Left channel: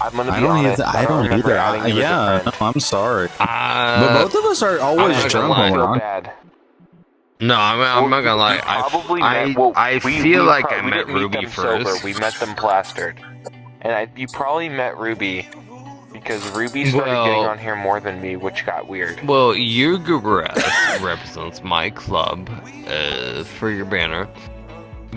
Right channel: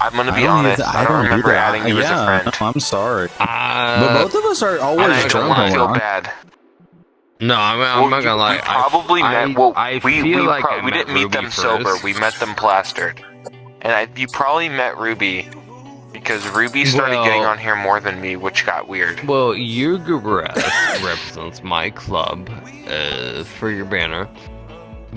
I'm gonna be honest. I don't either. Yeah, no, I'm sorry. But both of us are always drunk when we're on. Bad. No, I'm not gonna lie. I feel like I we met didn't meet Ruby them first. sober. We met them plastered, and you probably met Ruby because Ruby started getting on here more than me, which got weird. Well, your represents my club for your banner,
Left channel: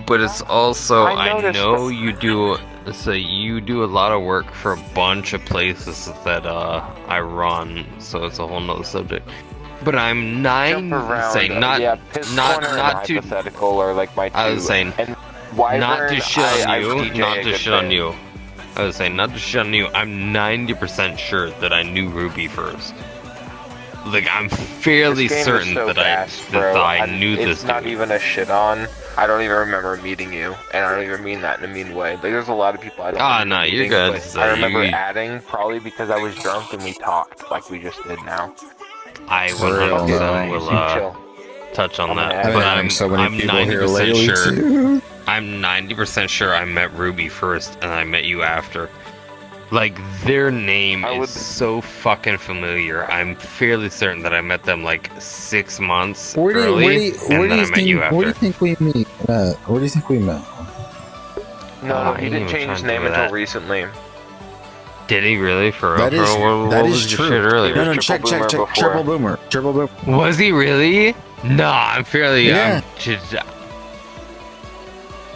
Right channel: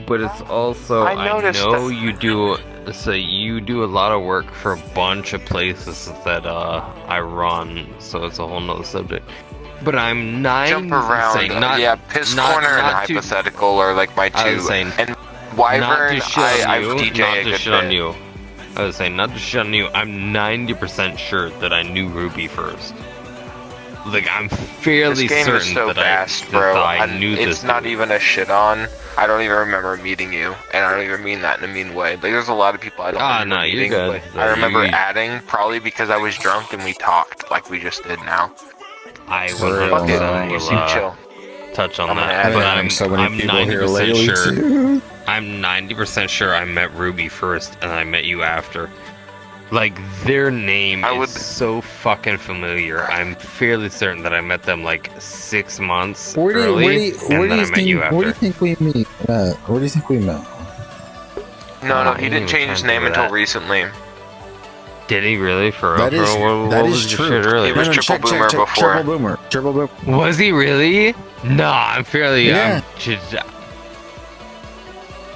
but it's also I know you do. So you do a lot of work for a bunch of places that I run, so it's a whole nother subject. But I'm saying not hypothetical or like my two. I was saying and not to shit on you, not to shit on you. I was saying not to shit on you. I'm 90% sure that I knew Ruby first. Like I'm fairly certain that I knew this. It's not even a shit on. I don't even remember meeting you, and I don't even mean that in a mean way. Like, there's a lot of people I don't remember meeting, you're good. But I remember adding, probably because I was drunk and we talked, like we just did now. I will touch on that, but I'm so many people here lately sure. Too. I'm 90% sure I met Ruby first, and I met you after. Like, their name is so fucking familiar. I'm fairly certain that I met them like 6 months early, and then I met you after. Where do you think we meet? Where do you think we met? No, he didn't change his name until recently. Did he really? For real? That is true. Earlier? No, check. Triple boomer. Was he really? No, I'm fairly. Yeah.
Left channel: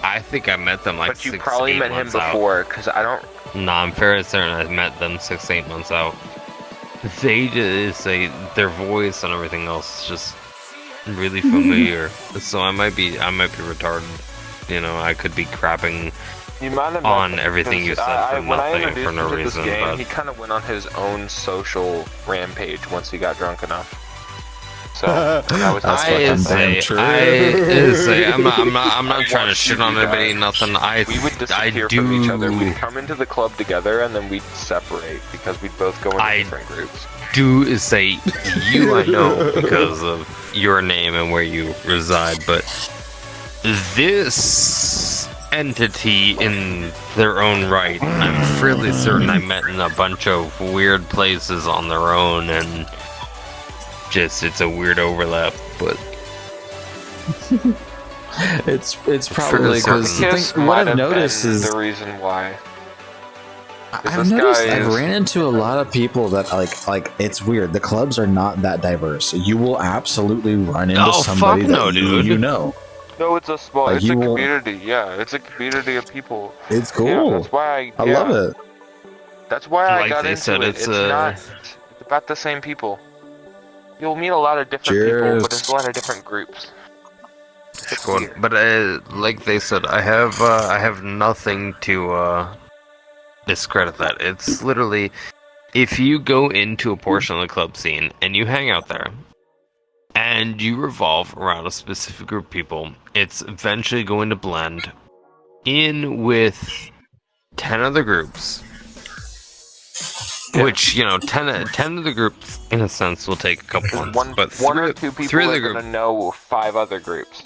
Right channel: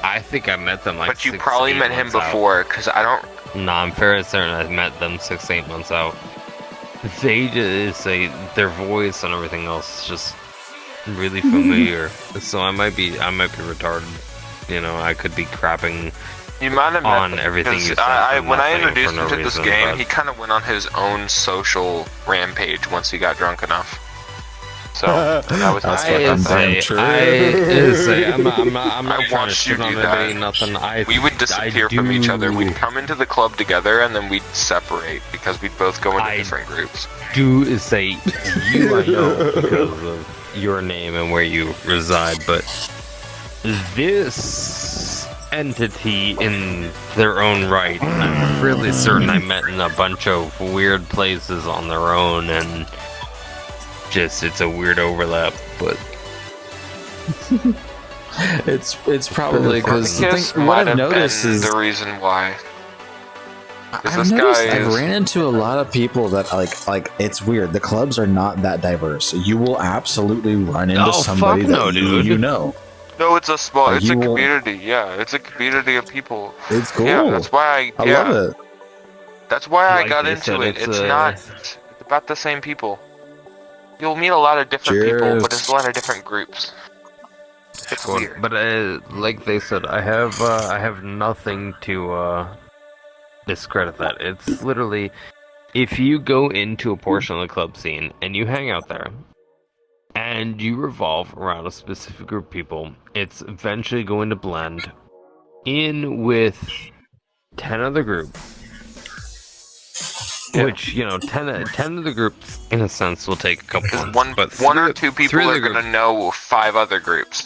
I think I met them like. But you probably met him before, because I don't. No, I'm fairly certain I met them 6-8 months out. They just say their voice and everything else is just really familiar. So I might be retarded. You know, I could be crapping on everything you said for nothing, for no reason. He kind of went on his own social rampage once he got drunk enough. So that's fucking damn true. I'm not trying to shit on anybody. Nothing. We would disappear from each other. We'd come into the club together, and then we'd separate because we'd both go into different groups. Do say you I know because of your name and where you reside, but this entity in their own right, I'm fairly certain I met in a bunch of weird places on their own, and just it's a weird overlap, but it's probably because what I've noticed is the reason why. I've ran into a lot of people that like it's weird. The clubs are not that diverse. You will absolutely run into somebody that you know. No, it's a small. It's a community. Yeah, it's a community of people. It's cool. Yeah, that's why I love it. That's why I got into it. It's not about the same people. You'll meet a lot of different people, but there's a lot of different groups. It's weird. But like they said, I have nothing to discredit that. It's literally, if you go into a portion of the club scene and you hang out there, and you revolve around a specific group of people, it's eventually going to blend in with 10 other groups. Yeah. Which, 10 of the groups, in a sense, will take a couple months. But one or two people are going to know 5 other groups.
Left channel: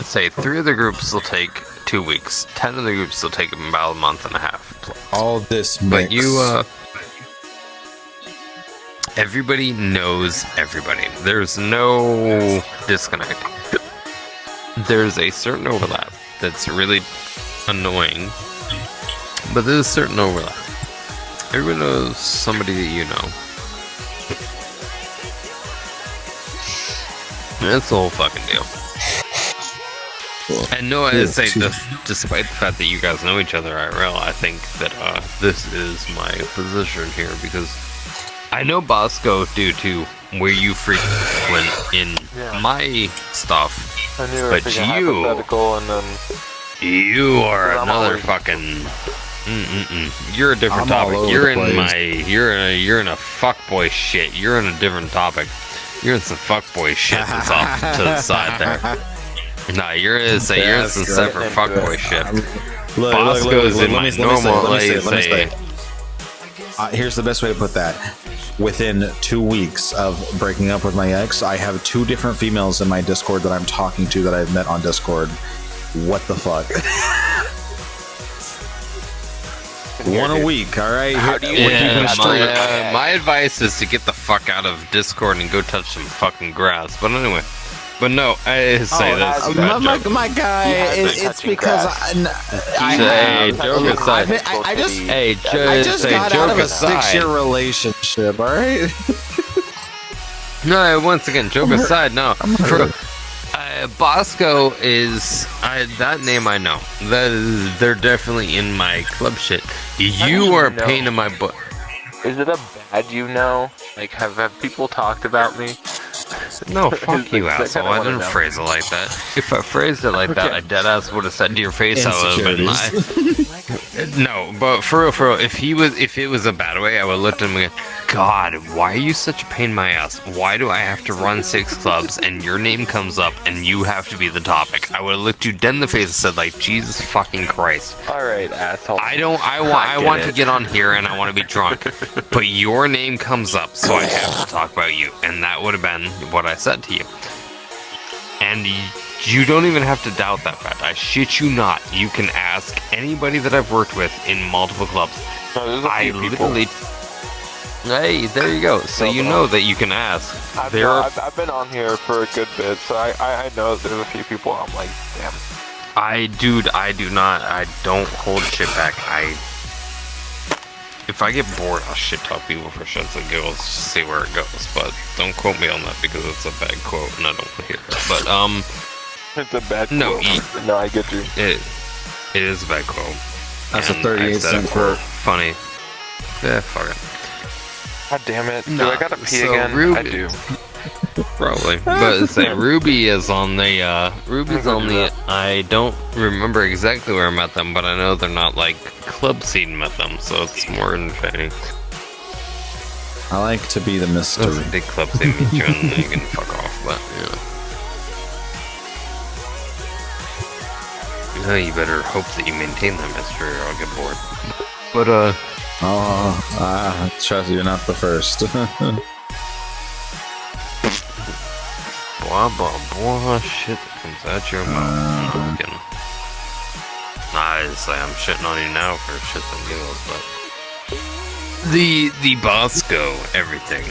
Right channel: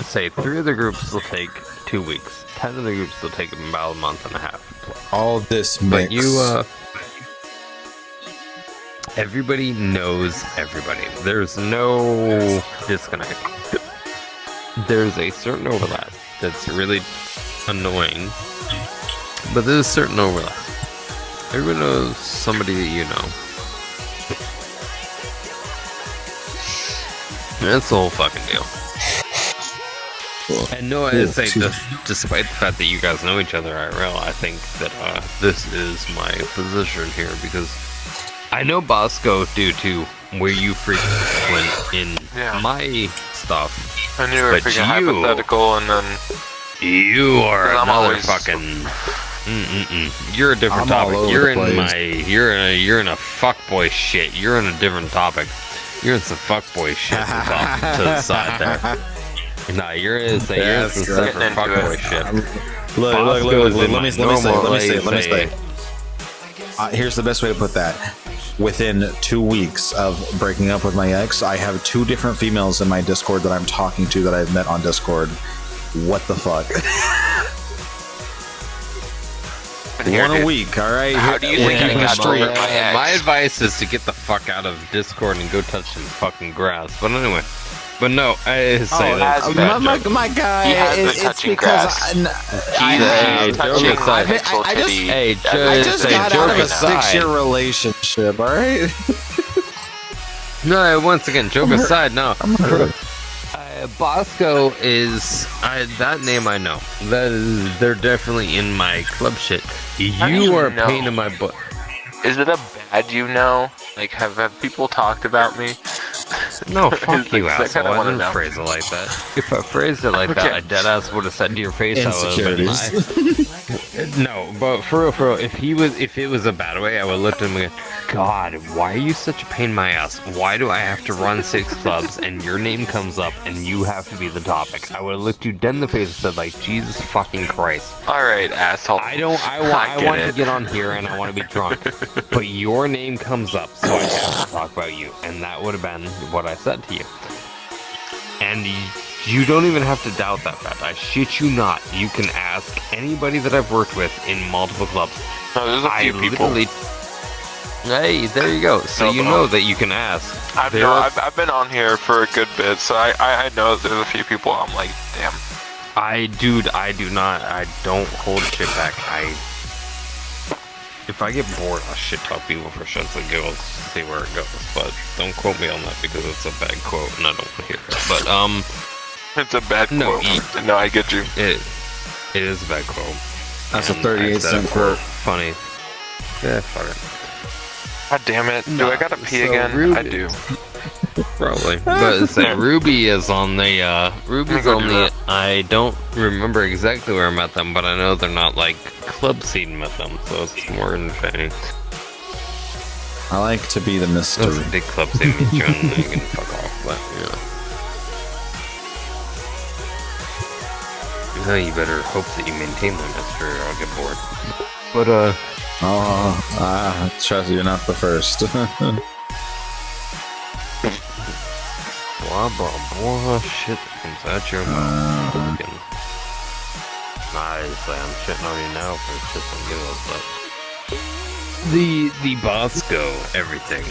Say 3 of the groups will take 2 weeks. 10 of the groups will take about a month and a half. All this mix. But everybody knows everybody. There's no disconnect. There's a certain overlap that's really annoying, but there's a certain overlap. Everyone knows somebody that you know. That's the whole fucking deal. Cool. And no, I say, despite the fact that you guys know each other IRL, I think that this is my position here, because I know Bosco due to where you frequently went in my stuff. And you were hypothetical, and then you are another fucking. You're a different topic. You're in you're in a fuckboy shit. You're in a different topic. You're in some fuckboy shit to the side there. Nah, you're in some separate fuckboy shit. Look. Let me say. Here's the best way to put that. Within 2 weeks of breaking up with my ex, I have 2 different females in my Discord that I'm talking to that I've met on Discord. What the fuck? One a week, all right? We're keeping a streak. My advice is to get the fuck out of Discord and go touch some fucking grass. But anyway, but no, I say this. My guy, it's because I just got out of a 6-year relationship, all right? No, once again, joke aside, no. Bosco is that name I know. They're definitely in my club shit. You are a pain in my butt. Is it a bad you know? Like, have people talked about me? No, fuck you, asshole. I didn't phrase it like that. If I phrased it like that, I deadass would have said to your face. Insecurities. No, but for real, if it was a bad way, I would look at him and go, God, why are you such a pain in my ass? Why do I have to run 6 clubs and your name comes up and you have to be the topic? I would have looked you dead in the face and said, like, Jesus fucking Christ. Alright, asshole. I want to get on here and I want to be drunk, but your name comes up, so I have to talk about you. And that would have been what I said to you. And you don't even have to doubt that fact. I shit you not. You can ask anybody that I've worked with in multiple clubs. No, there's a few people. Hey, there you go. So you know that you can ask. I've been on here for a good bit, so I know there's a few people. I'm like, damn. I don't hold shit back. If I get bored, I'll shit talk people for shits and giggles to see where it goes. But don't quote me on that because it's a bad quote and I don't want to hear it. But it's a bad quote. No, I get you. It is a bad quote. That's a 38-cent quote. Funny. Yeah, fuck it. God damn it. Do I gotta pee again? Ruby. I do. Probably. But it's like Ruby is on the, Ruby's on the, I don't remember exactly where I met them, but I know they're not like club scene met them, so it's more entertaining. I like to be the mystery. That's a big club scene meet you and then you can fuck off, but, you know, you better hope that you maintain the mystery or I'll get bored. But, trust you're not the first. Blah, blah, blah, shit that comes at your mouth. Honestly, I'm shitting on you now for shit on giggles, but the Bosco everything.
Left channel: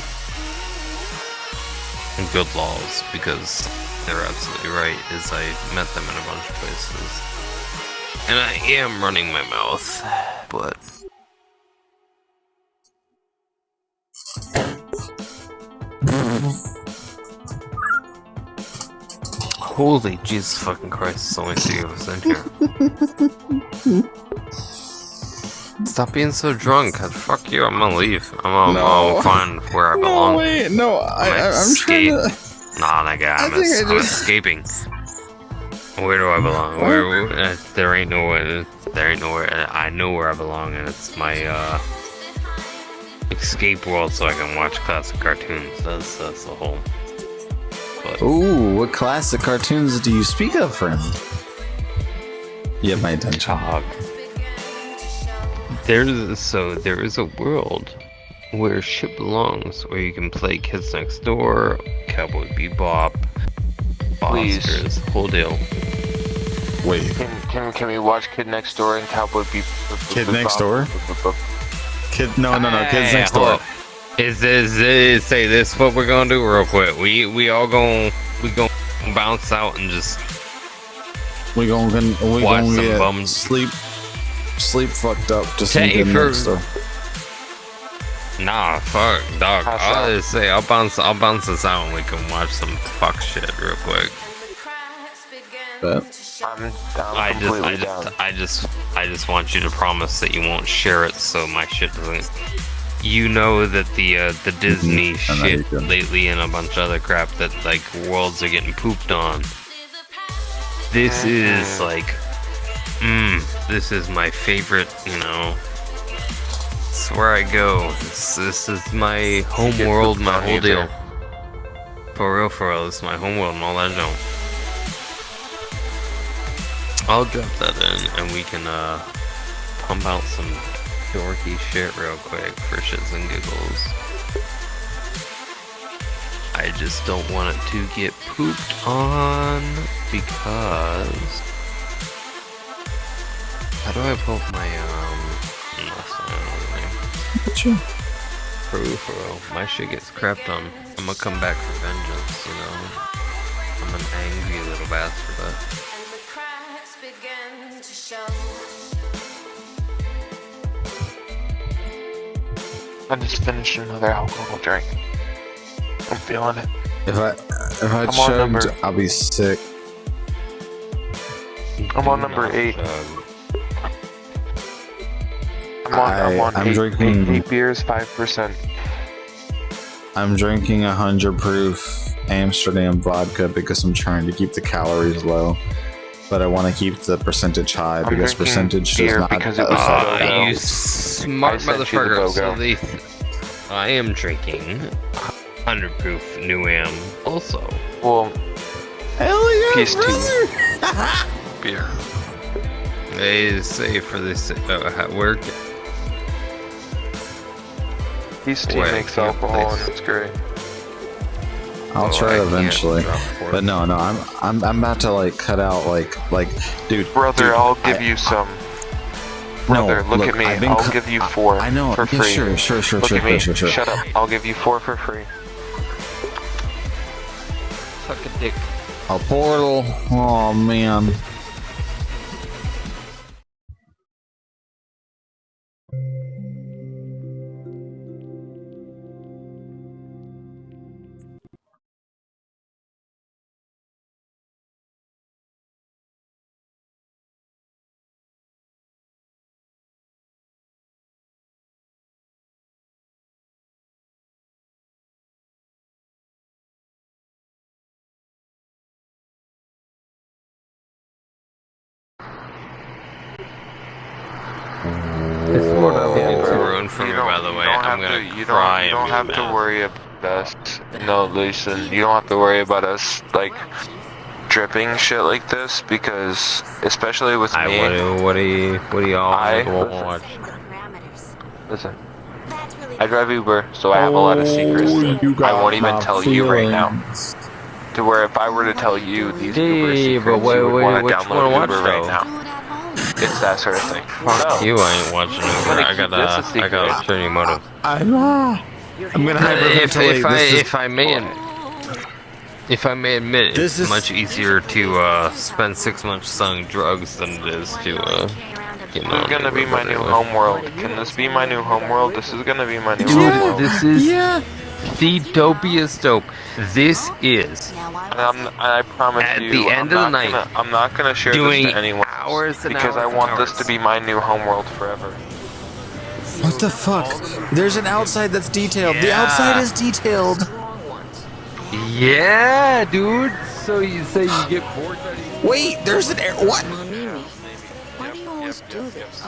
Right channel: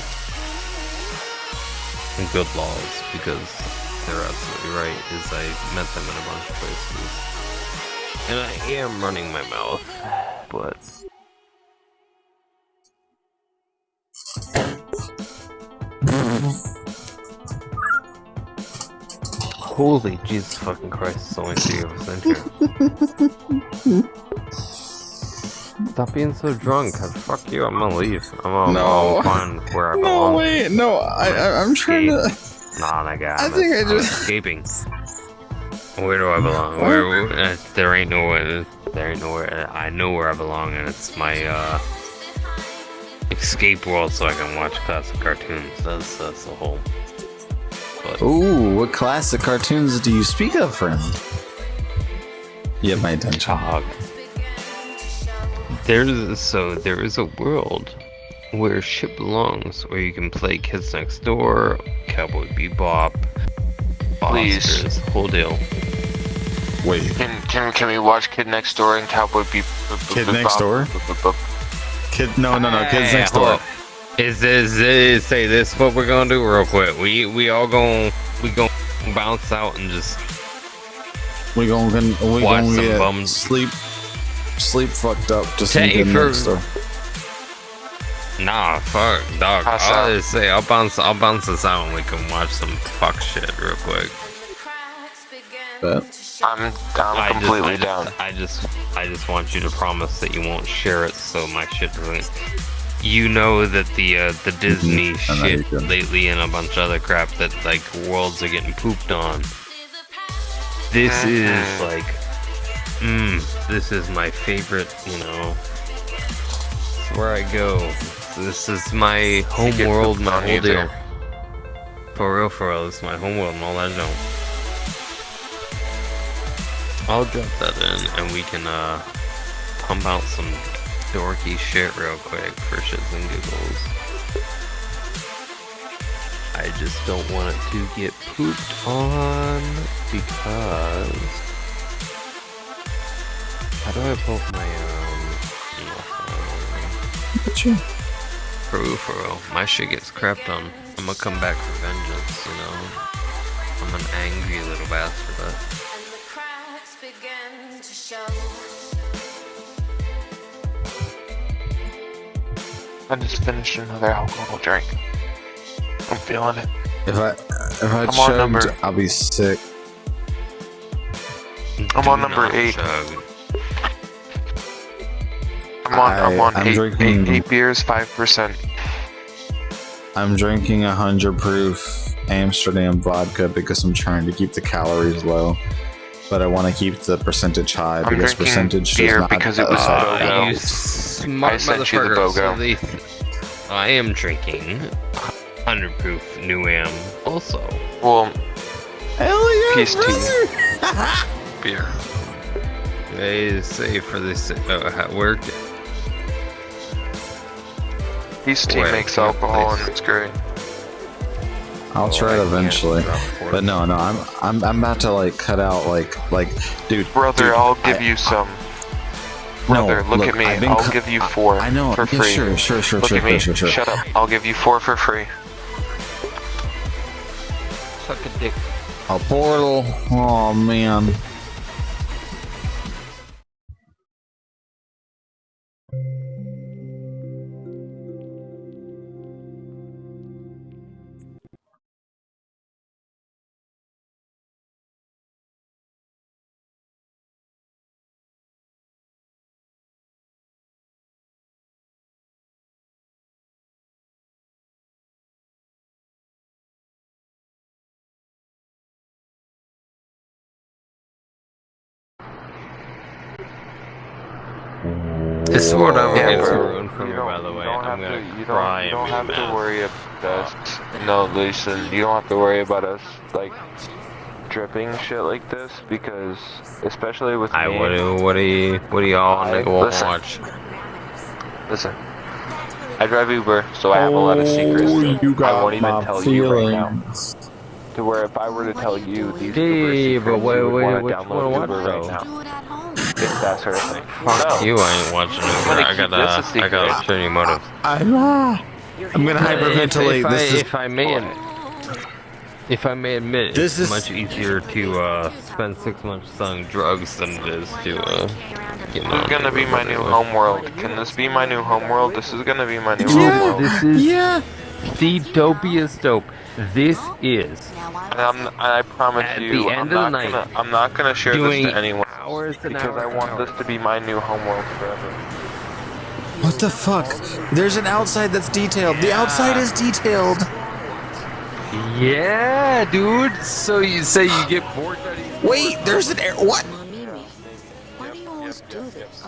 Good laws, because they're absolutely right, is I met them in a bunch of places. And I am running my mouth, but holy Jesus fucking Christ, so many things in here. Stop being so drunk. Fuck you, I'm gonna leave. I'm gonna find where I belong. No, wait, no, I'm trying to... Nah, that guy, I think I'm escaping. Where do I belong? Where there ain't nowhere, I know where I belong, and it's my, escape world so I can watch classic cartoons. That's the whole... But ooh, what classic cartoons do you speak of, friend? You have my attention. There is a world where shit belongs, where you can play Kids Next Door, Cowboy Bebop, Oscars, whole deal. Wait. Can we watch Kid Next Door and Cowboy Bebop? Kid Next Door? No, Kids Next Door. Is say this what we're gonna do real quick? We gonna bounce out and just we gonna get bums. sleep fucked up to see Kid Next Door. Nah, fuck, dog. I'll just say I'll bounce this out and we can watch some fuck shit real quick. I'm completely down. I just want you to promise that you won't share it so my shit doesn't. You know that the Disney shit lately and a bunch of other crap that like worlds are getting pooped on. This is like, this is my favorite, you know. It's where I go. This is my home world, my whole deal. For real, this is my home world and all that junk. I'll drop that in and we can pump out some dorky shit real quick for shits and giggles. I just don't want it to get pooped on because how do I pump my at you. For real. My shit gets crapped on. I'm gonna come back for vengeance, you know? I'm an angry little bastard, but... And the cracks begin to show. I just finished another alcohol drink. I'm feeling it. If I I'm on chugged, number- I'll be sick. I'm on number 8. I'm I'm eight, drinking- 8 beers, 5%. I'm drinking 100 proof Amsterdam vodka because I'm trying to keep the calories low. But I want to keep the percentage high I'm because drinking percentage does beer not because it was affect BOGO. You calories. smart I sent you the motherfucker. BOGO. So I am drinking 100 proof New Am also. Well, Hell yeah, Peace to brother! beer. They say for this work. Peace Boy, tea I makes can't alcohol place- and it's great. I'll try it eventually. But no, I'm about to like cut out like dude. Brother, dude, I'll give you some. Brother, No, look look, at me. I've been I'll give you 4 I know. for Yeah, free. sure. Look at me. Sure. Shut up. I'll give you 4 for free. Suck a dick. A portal. Oh man. This is what I'm Yeah, getting to bro. ruin for me, by the way. I'm gonna cry. You don't have to mad. worry about us. No, listen, you don't have to worry about us, like, dripping shit like this, because, especially with me... What do y'all I- nigga listen. watch? Listen, I drive Uber, so I have a lot of secrets. You I got won't even my tell you right now. feelings. To where if I were to tell you these Yeah, Uber secrets, but wait, you would want what to you wanna download watch, Uber right though? now. Do it at home. It's that sort of thing. Fuck No. you, I ain't watching Uber. gonna I keep got this a secret. ulterior motive. I'm gonna hyperventilate. If I may admit, This it's is- much easier to spend 6 months selling drugs than it is to get This is gonna be my new homeworld. Can this be my new homeworld? This is gonna be my new homeworld. This is Yeah. the dopiest dope. This is And I promise At you, the end of the night, I'm not gonna share this doing to anyone hours and because I hours want and this to hours. be my new homeworld forever. What the fuck? There's an outside that's detailed. The Yeah. outside is detailed. yeah, dude. So you say you get bored? Wait, there's an air. What? Mimi, why do you always do this?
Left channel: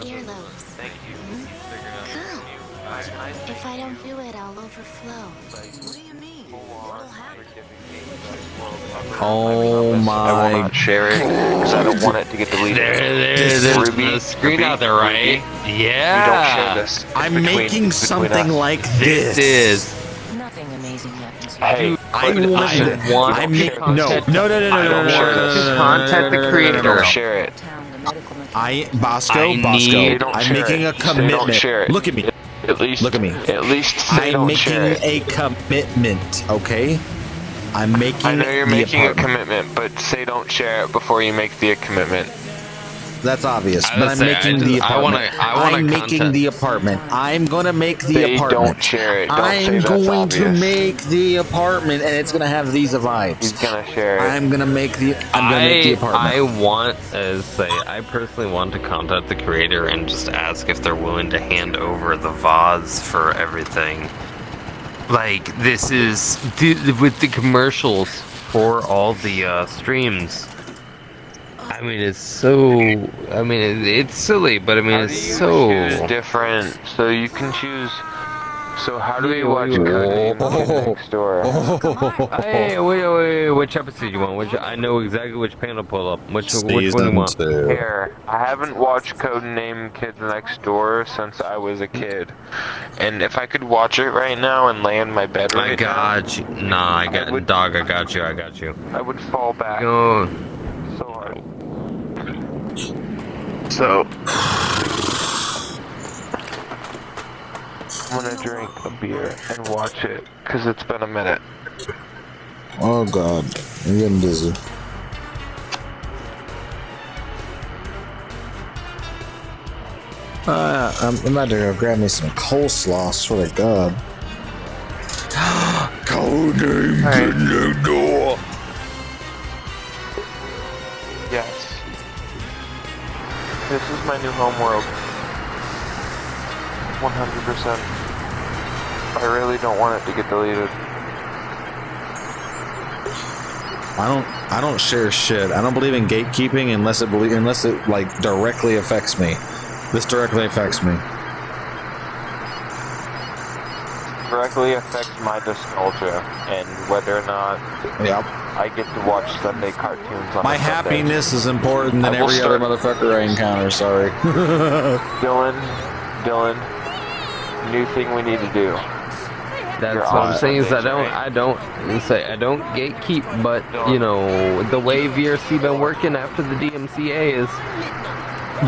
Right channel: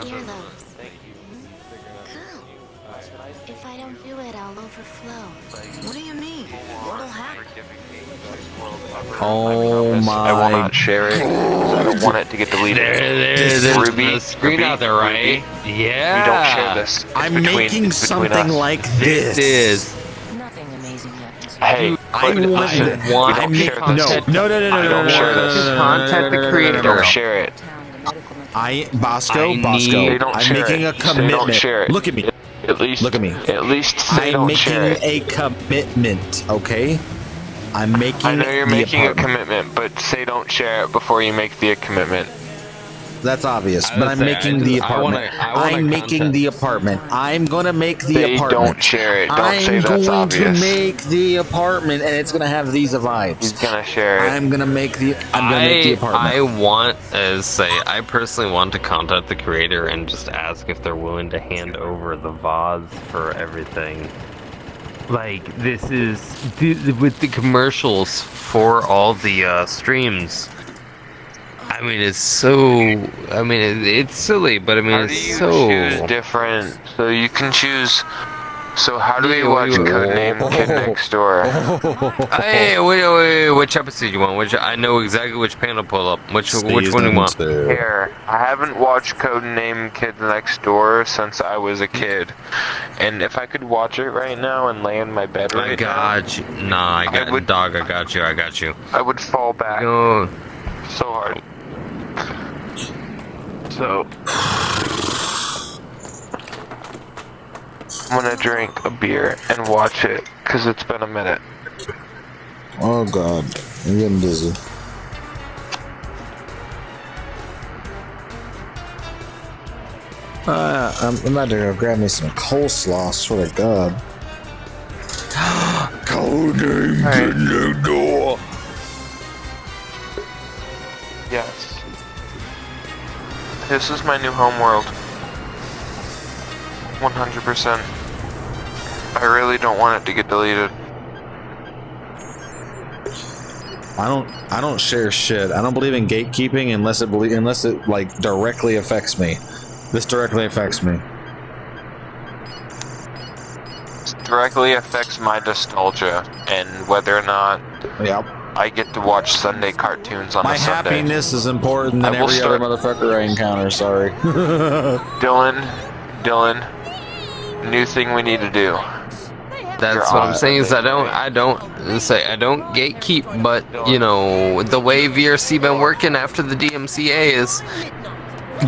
Earlobes. Girl, if I don't do it, I'll overflow. What do you mean? What'll happen? Oh I will my. not share it because I don't want it to get deleted. There's Ruby, a screen Ruby, out there, right? Ruby, Yeah. We don't share this. It's I'm between- making between something us. like This this. is. Nothing amazing happens. Hey, I listen, want. want- I make no. No. I don't share this. Contact the creator. Don't share it. Bosco. They don't I'm share making it. a They don't commitment. share it. Look at me. At least Look at me. At least they I'm don't making share it. a commitment. Okay. I'm making. I know you're the making a apartment. commitment, but say don't share it before you make the commitment. That's obvious, I but would I'm say, making I the just- I wanna- apartment. I wanna I'm making content. the apartment. I'm gonna make the They apartment. don't share it. Don't say I'm that's going to obvious. make the apartment, and it's gonna have these He's vibes. gonna share it. I'm gonna make the apartment. I want, I personally want to contact the creator and just ask if they're willing to hand over the VODs for everything. Like, this is, with the commercials for all the streams. I mean, it's silly, but I mean, it's choose so... different. So you can choose. So how do we Yeah, watch what do you- Codename Kid Next Door? Hey, wait, which episode you want? I know exactly which panel pull up. Which one you Season want? 2. Here, I haven't watched Codename Kid Next Door since I was a kid, and if I could watch it right now and lay in my bed I right got you. Nah, I got would- dog. I got you. now, I would fall back Go. so hard. So I'm gonna drink a beer and watch it, because it's been a minute. Oh god, I'm getting dizzy. I'm about to go grab me some coleslaw, swear to god. Codename Right. the door. Yes. This is my new homeworld. 100%. I really don't want it to get deleted. I don't share shit. I don't believe in gatekeeping unless it like directly affects me. This directly affects me. It directly affects my nostalgia and whether or not Yep. I get to watch Sunday cartoons on My a Sunday. happiness is important than I will every other start- motherfucker I encounter, sorry. Dylan, new thing we need to do. That's what I'm saying is I don't gatekeep, but you know the way VRC been working after the DMCA is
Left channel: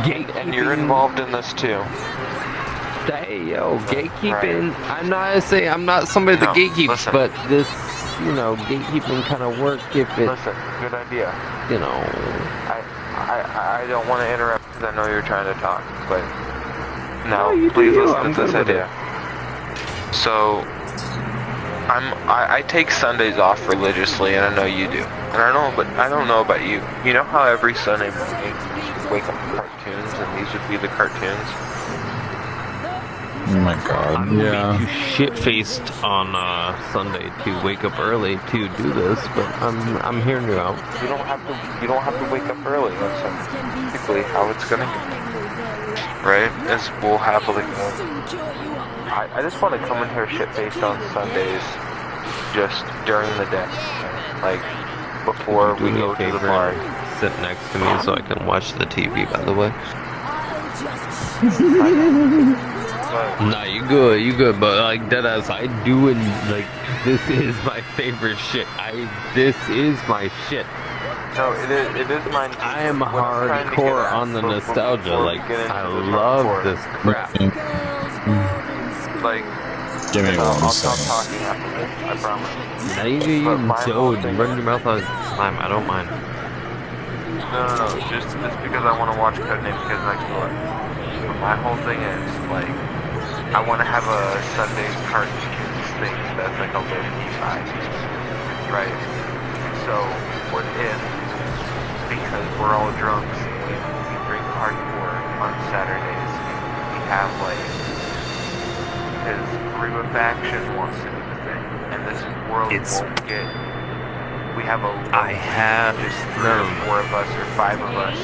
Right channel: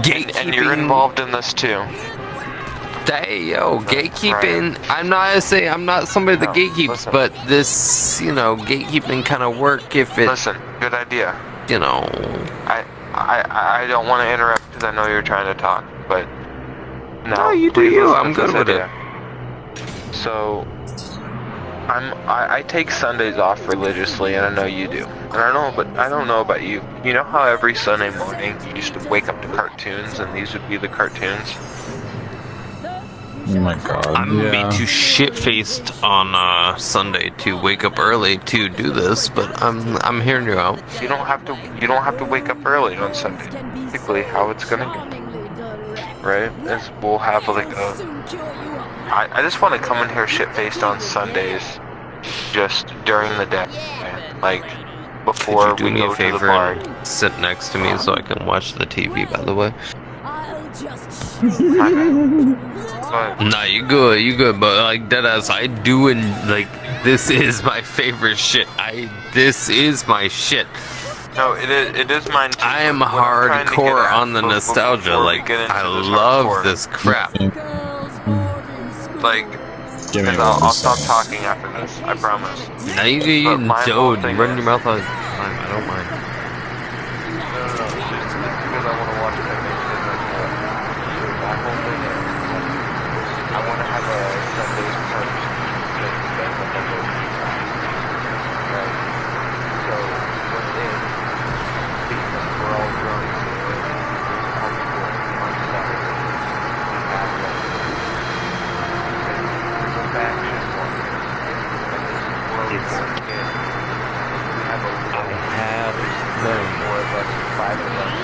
gatekeeping. And you're involved in this too. Hey, yo, gatekeeping. I'm not somebody that gatekeeps, listen. but this, you know, gatekeeping kind of work if it, Listen, good idea. you know. I don't want to interrupt because I know you're trying to talk, but No, no, you do please you. listen I'm to this good with idea. So, I take Sundays off religiously, and I know you do. And I don't know about you. You know how every Sunday morning you used to wake up to cartoons, and these would be the cartoons. Oh my god. I'm gonna be too shit-faced on Sunday to wake up early to do this, but I'm hearing you out. You don't have to wake up early on Sunday. Basically, how it's gonna go, right? Is we'll have like I just want to come in here shit-faced on Sundays, just during the day, like before Do we me go a to the bar. favor, sit next to me so I can watch the TV. By the way. Nah, you good, but like deadass, I do and like this is my favorite shit. This is my shit. No, it is mine too. I am What I'm trying to get hardcore at on the before nostalgia. we Like get into I this love hardcore, this crap. Like, Give me I'll one stop second. talking after this. I promise. Now you don't run your mouth all the time. I don't mind. No, just because I want to watch Batman because my whole thing is like I want to have a Sunday cartoon thing that's like a little right? So within because we're all drunk drink hardcore on Saturday. We have like the faction one and this world It's- won't get we have a I have four of us or five of us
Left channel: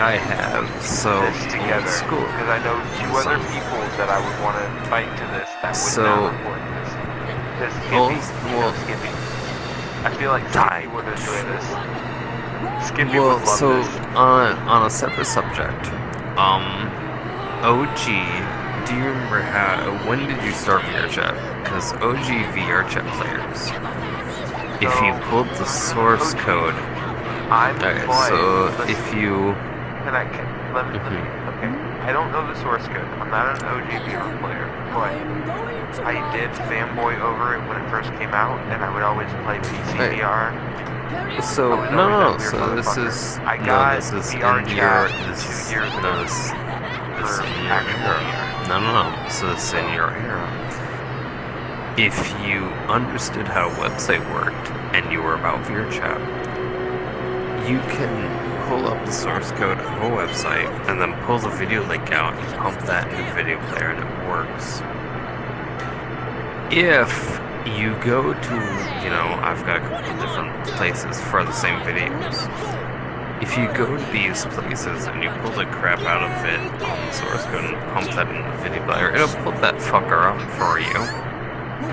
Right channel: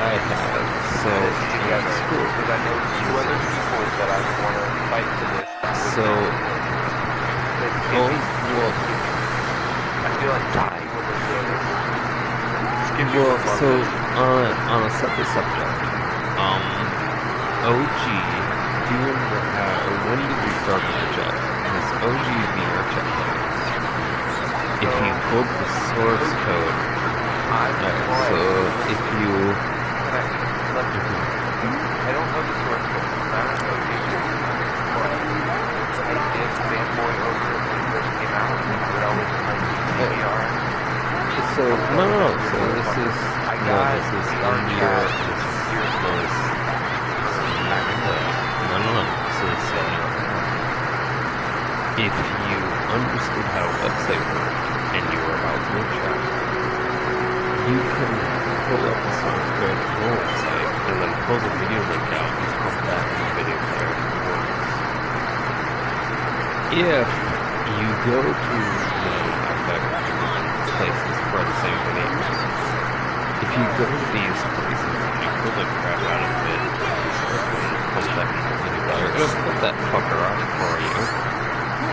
I have so together school. because I know two other people that I want to fight to this. So well, I feel like die. what it is. Skinny Well, would love so this. on a separate subject, OG, do you remember when did you start VR chat? Because OG VR chat players, if you pulled the source code, so if you, Can I let me? I don't know the source code. I'm not an OG player, but I did fanboy over it when it first came out, and I would always play VR. so no, so this is in your, this is no, so this is in your. If you understood how a website worked and you were about VR chat, you can pull up the source code of the website and then pull the video link out and pump that in the video player and it works. If you go to, you know, I've got different places for the same videos. If you go to these places and you pull the crap out of it, the source code and pump that in the video player, it'll put that fucker up for you.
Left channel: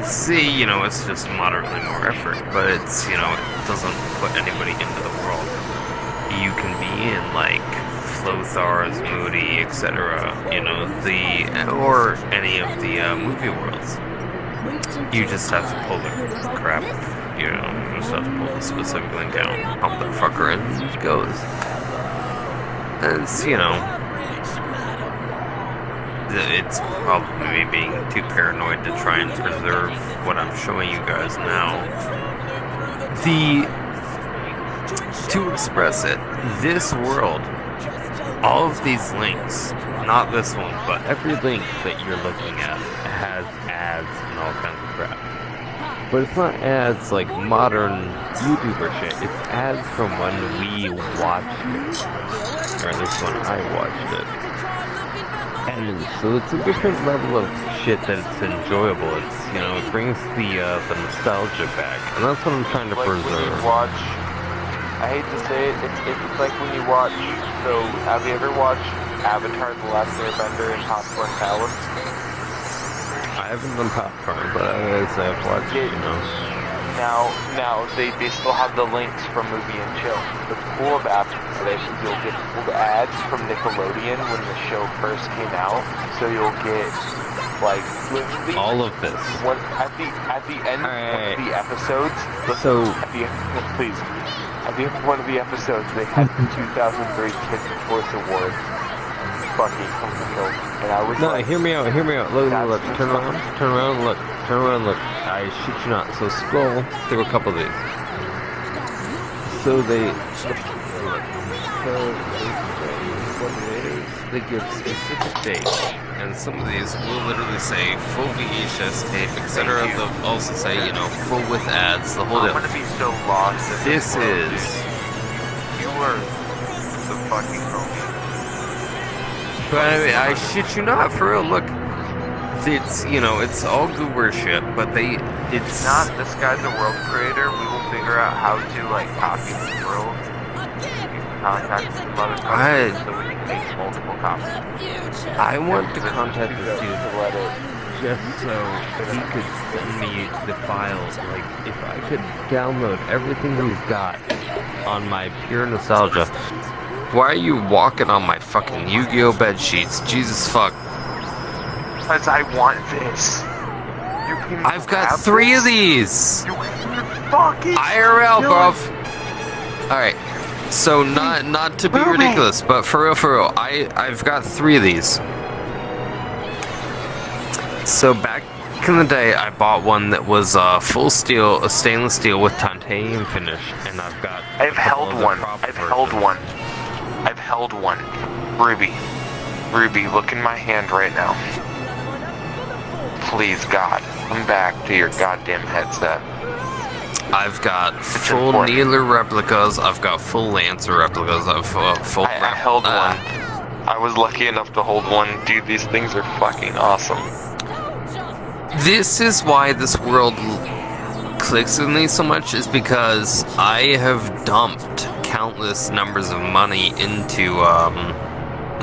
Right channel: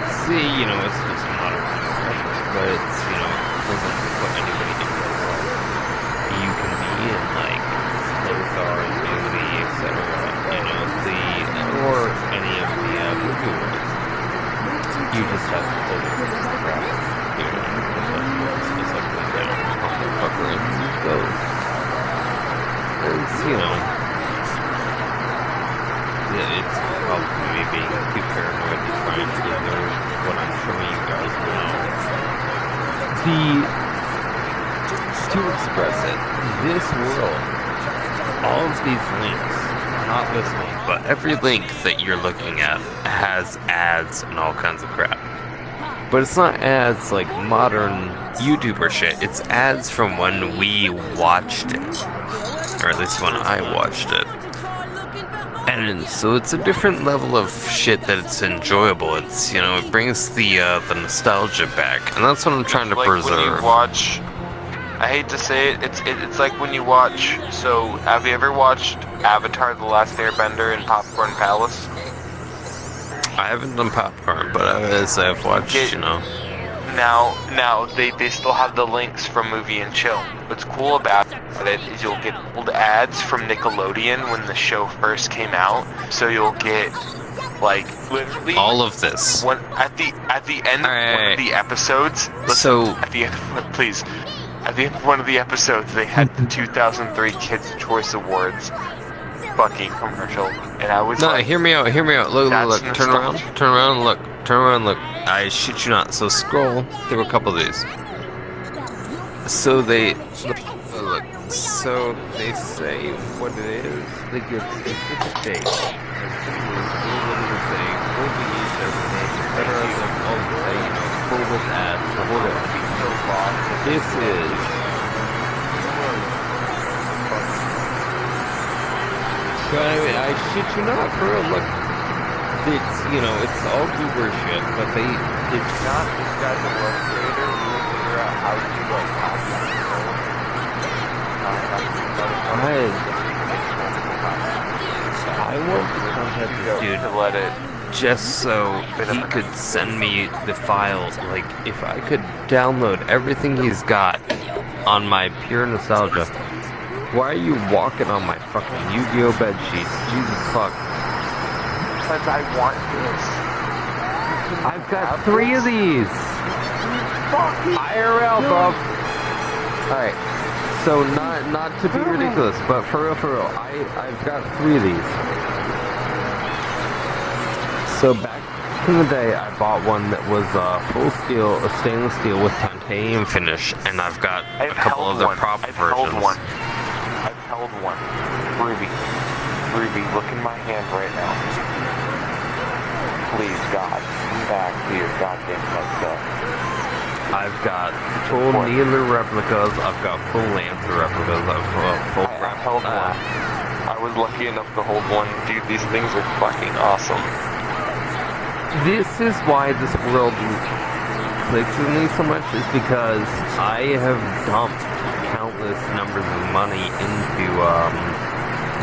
See, you know, it's just moderately more effort, but it's, you know, it doesn't put anybody in the world. You can be in, like, Flothar's, Moody, etc., you know, or any of the movie worlds. You just have to pull the crap, you know, you just have to pull the specific link down, pump the fucker in, and it goes. It's, you know, that it's probably me being too paranoid to try and preserve what I'm showing you guys now. To express it, this world, all of these links, not this one, but every link that you're looking at has ads and all kinds of crap. But it's not ads like modern YouTuber shit, it's ads from when we watched it. Or at least when I watched it. And so it's a different level of shit that it's enjoyable. It's, you know, it brings the nostalgia back. And that's what I'm trying to preserve. When you watch, I hate to say it, it's like when you watch, so have you ever watched Avatar: The Last Airbender and Popcorn Palace? I haven't done Popcorn, but as I've watched, you know. Now they still have the links from Movie and Chill. What's cool about it is you'll get old ads from Nickelodeon when the show first came out. So you'll get like literally all of this. At the end of the episodes. So at the end of one of the episodes, they had the 2003 Kids' Choice Awards fucking commercial, and I was hear me out. Look, turn around, look. I shit you not. So scroll through a couple of these. So they say what it is. They give specific dates, and some of these will literally say full VHS tape, etc. They'll also say, you know, full with ads, the whole deal. This is. But I mean, I shit you not, for real, look. It's, you know, it's all goober shit, but it's not this guy's a world creator. We will figure out how to, like, contact I want to contact this dude just so he could send me the files. Like, if I could download everything he's got on my pure nostalgia. Why are you walking on my fucking Yu-Gi-Oh bed sheets? Jesus fuck. Because I want this. I've got 3 of these. IRL, bruv. Alright. So not to be ridiculous, but for real, I've got 3 of these. So back in the day, I bought one that was full steel, a stainless steel with titanium finish, and I've got a couple of the proper versions. I've held one. Ruby, look in my hand right now. Please, God, come back to your goddamn headset. I've got full Needler replicas, I've got full Lancer replicas, I held one. I was lucky enough to hold one. Dude, these things are fucking awesome. This is why this world clicks with me so much, is because I have dumped countless numbers of money into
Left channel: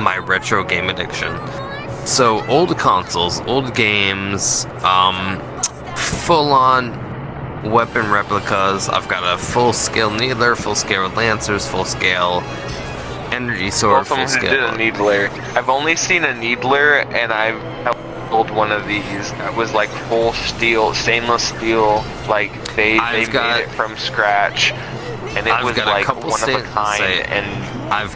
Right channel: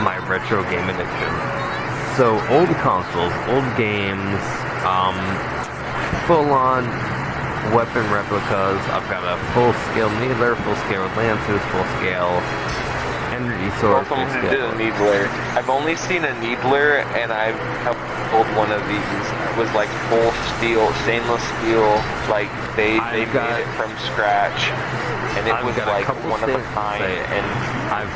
my retro game addiction. So old consoles, old games, full-on weapon replicas. I've got a full-scale Needler, full-scale Lancers, full-scale Energy Sword, full-scale. Did a Needler. I've only seen a Needler, and I've held one of these. It was like full steel, stainless steel. Like they made it from scratch, and it was like one of a kind. And I've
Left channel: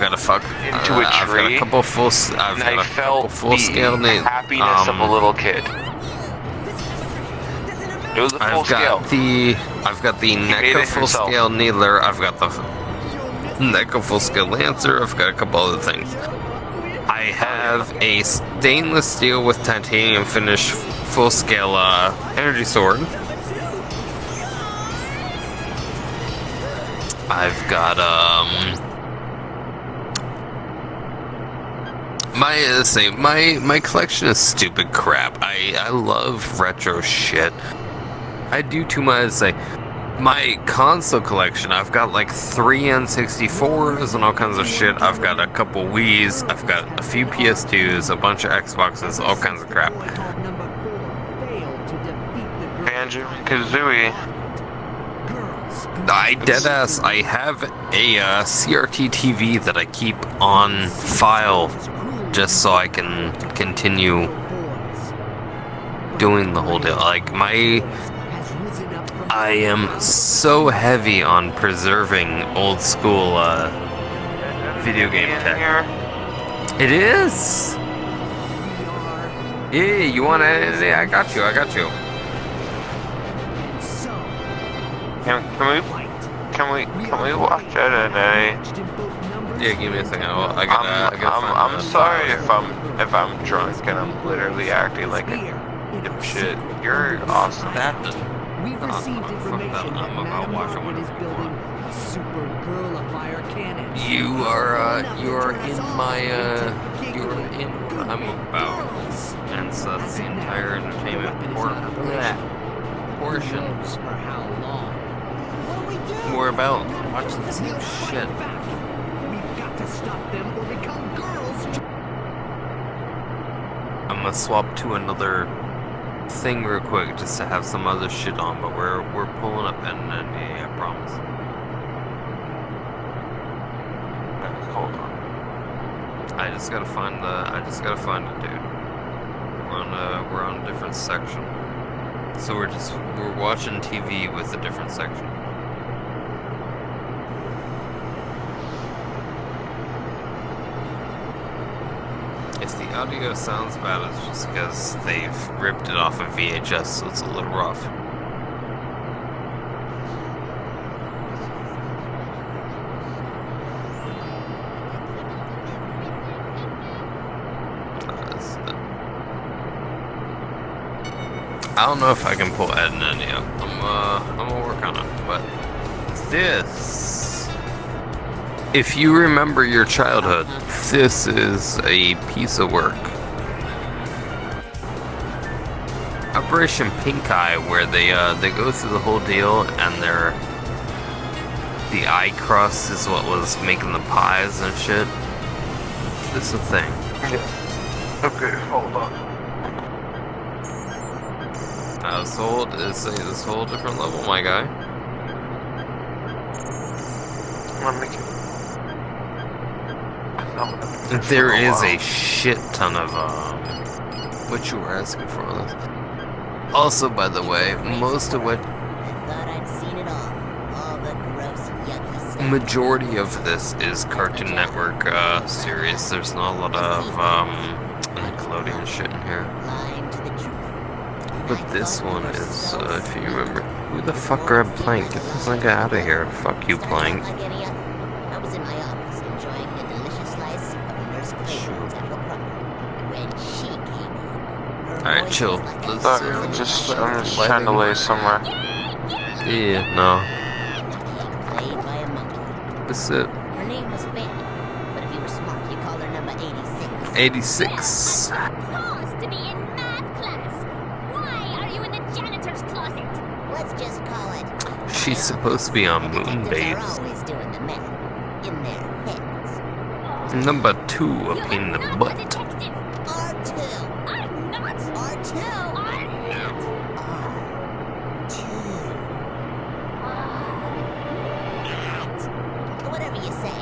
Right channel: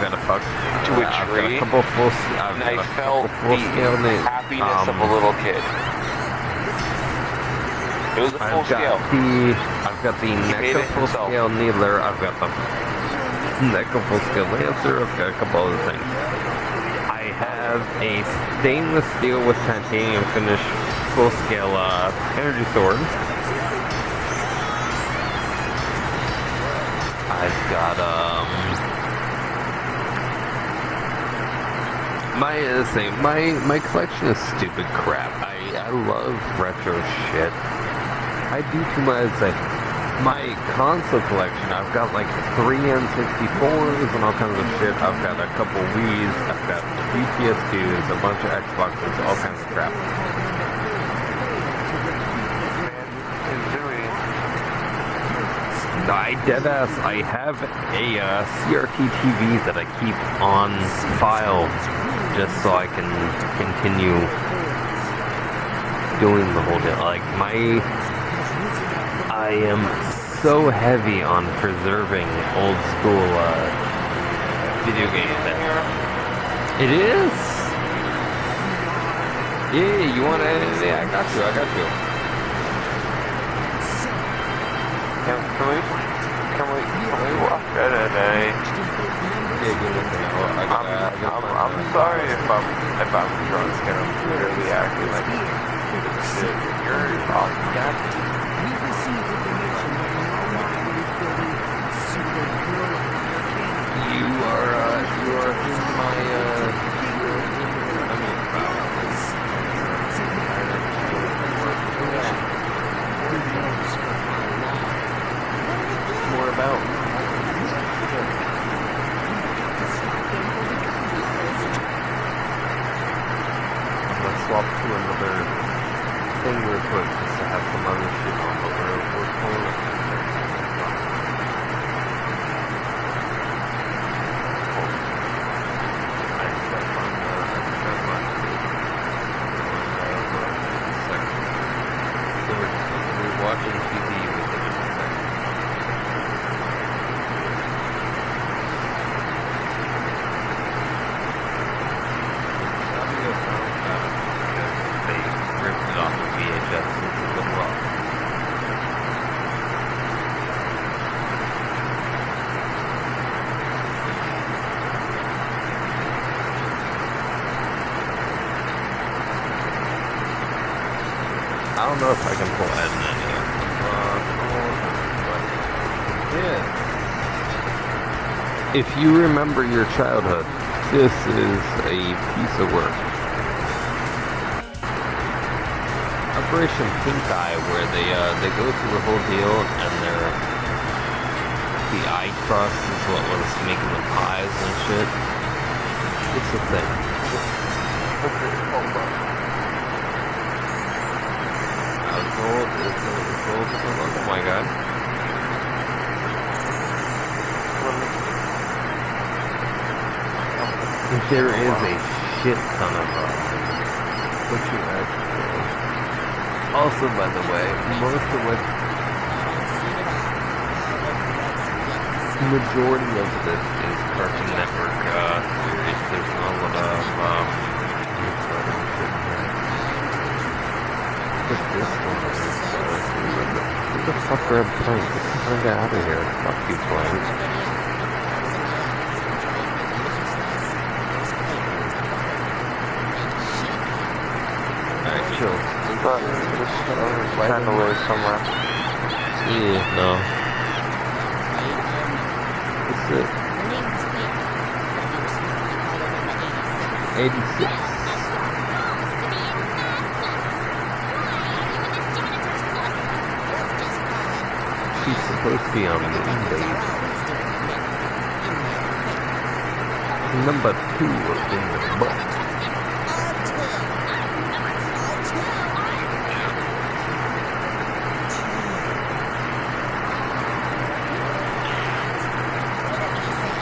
got a fuck to a tree. I've got a couple full. And I felt the happiness of a little kid. It was a full scale. I've got the NECA full scale Needler. I've got the NECA full scale Lancer. I've got a couple other things. I have a stainless steel with titanium finish full scale Energy Sword. I've got my collection is stupid crap. I love retro shit. I do too much to say. My console collection, I've got like 3 N64s and all kinds of shit. I've got a couple Wii's, I've got a few PS2s, a bunch of Xboxes, all kinds of crap. Banjo-Kazooie. I deadass, I have a CRT TV that I keep on file just so I can continue doing the whole deal. Like, I am so heavy on preserving old school video game tech. It is. Yeah, you want to? Yeah, I got you. Can we watch MMA? Yeah, give me a second. I'm sorry if I'm drunk and I'm literally acting like shit. You're awesome. We've received information that Madam Margaret is building a super girlifier cannon. You are in my Girls. As of now, the weapon is not operational. Who knows for how long? What'll we do? More about We'll fight back. We've got to stop them or become girls. I'm gonna swap to another thing real quick just to have some other shit on, but we're pulling up at that day, I promise. I just gotta find the bit. We're on a different section. So we're watching TV with a different section. If the audio sounds bad, it's just because they've ripped it off of VHS, so it's a little rough. I don't know if I can pull Ed in yet. I'm gonna work on it, but this, if you remember your childhood, this is a piece of work. Operation Pink Eye, where they go through the whole deal, and the eye crust is what was making the pies and shit. It's a thing. Okay, hold on. It's a whole different level, my guy. There is a shit ton of what you were asking for. Also, by the way, most of what majority of this is Cartoon Network series. There's not a lot of Nickelodeon shit in here. But this one is, if you remember, who the fuck grabbed Plank? Get the fuck out of here. Fuck you, Plank. I was in my office enjoying a delicious slice of the roast claibornes apple crumble when she came. Alright, chill. I'm just trying to lay somewhere. Yeah, no. Played by a monkey. That's it. Her name was Fanny, but if you were smart, you called her number 86. 86. To be in math class. Why are you in the janitor's closet? Let's just call it. She's supposed to be on The Moon detectives are Babes. always doing the math in their heads. Number 2 You in are the not a butt. detective. R2. I'm not. R2. I'm not. Whatever you say,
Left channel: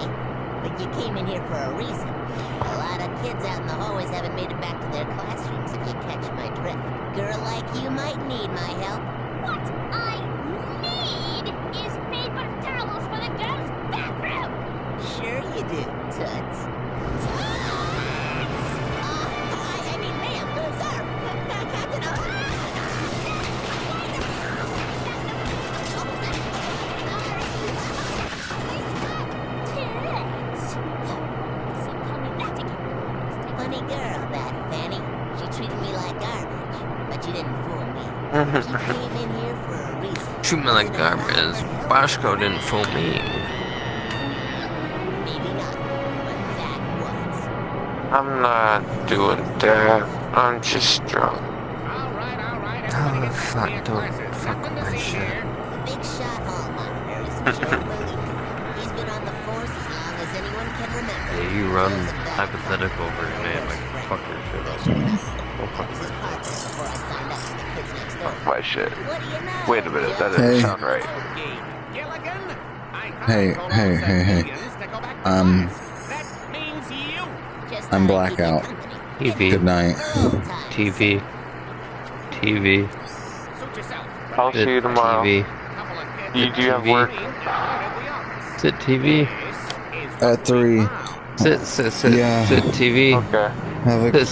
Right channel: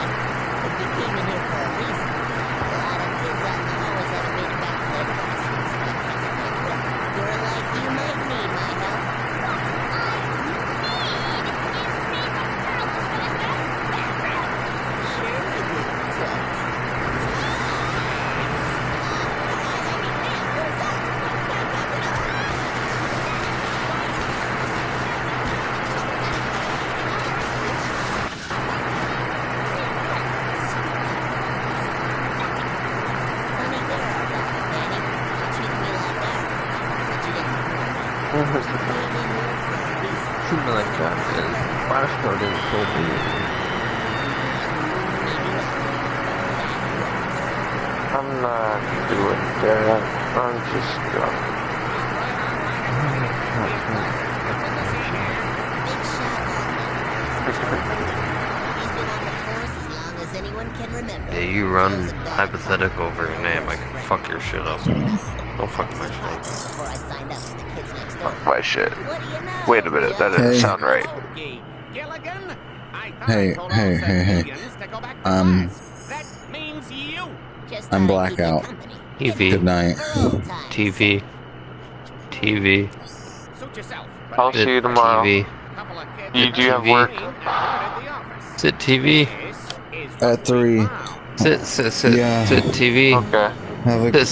but you came in here for a reason. A lot of kids out in the hallways haven't made it back to their classrooms, if you catch my drift. Girl like you might need my help. What I need is paper towels for the girls' bathroom. Sure you do, Toots. I mean, ma'am, sir, Captain, funny girl, that Fanny. She treated me like garbage, but you didn't fool me. She came in here for a reason. Treat me like garbage. Bashko didn't fool me. Maybe not, but that was. I'm not doing that. I'm just drunk. All right, everybody get back to your classes. Something to see here. Big shot hall monitor is Joe Believer. He's been on the force as long as anyone can remember. Yeah, you run Joe's a bad hypothetical father, over your no name, worse like friend. fuck your shit up. Don't fuck This is my hard before I signed up for the kids next door. My shit. What do you know? Wait a minute, that Joe? doesn't Hey. sound right. Okay, Gilligan. I thought Hey, I told hey, all hey, hey. civilians to go back to Class. That means you. Just I'm thought I'd keep you blackout. company. TV. Good night. For old time's TV. TV. Suit yourself. I'll see you tomorrow. TV. Couple of kids You do have work? and alerted the office. Sit TV. This is At 3. wow. Sit Yeah. TV. Okay. Have a Sit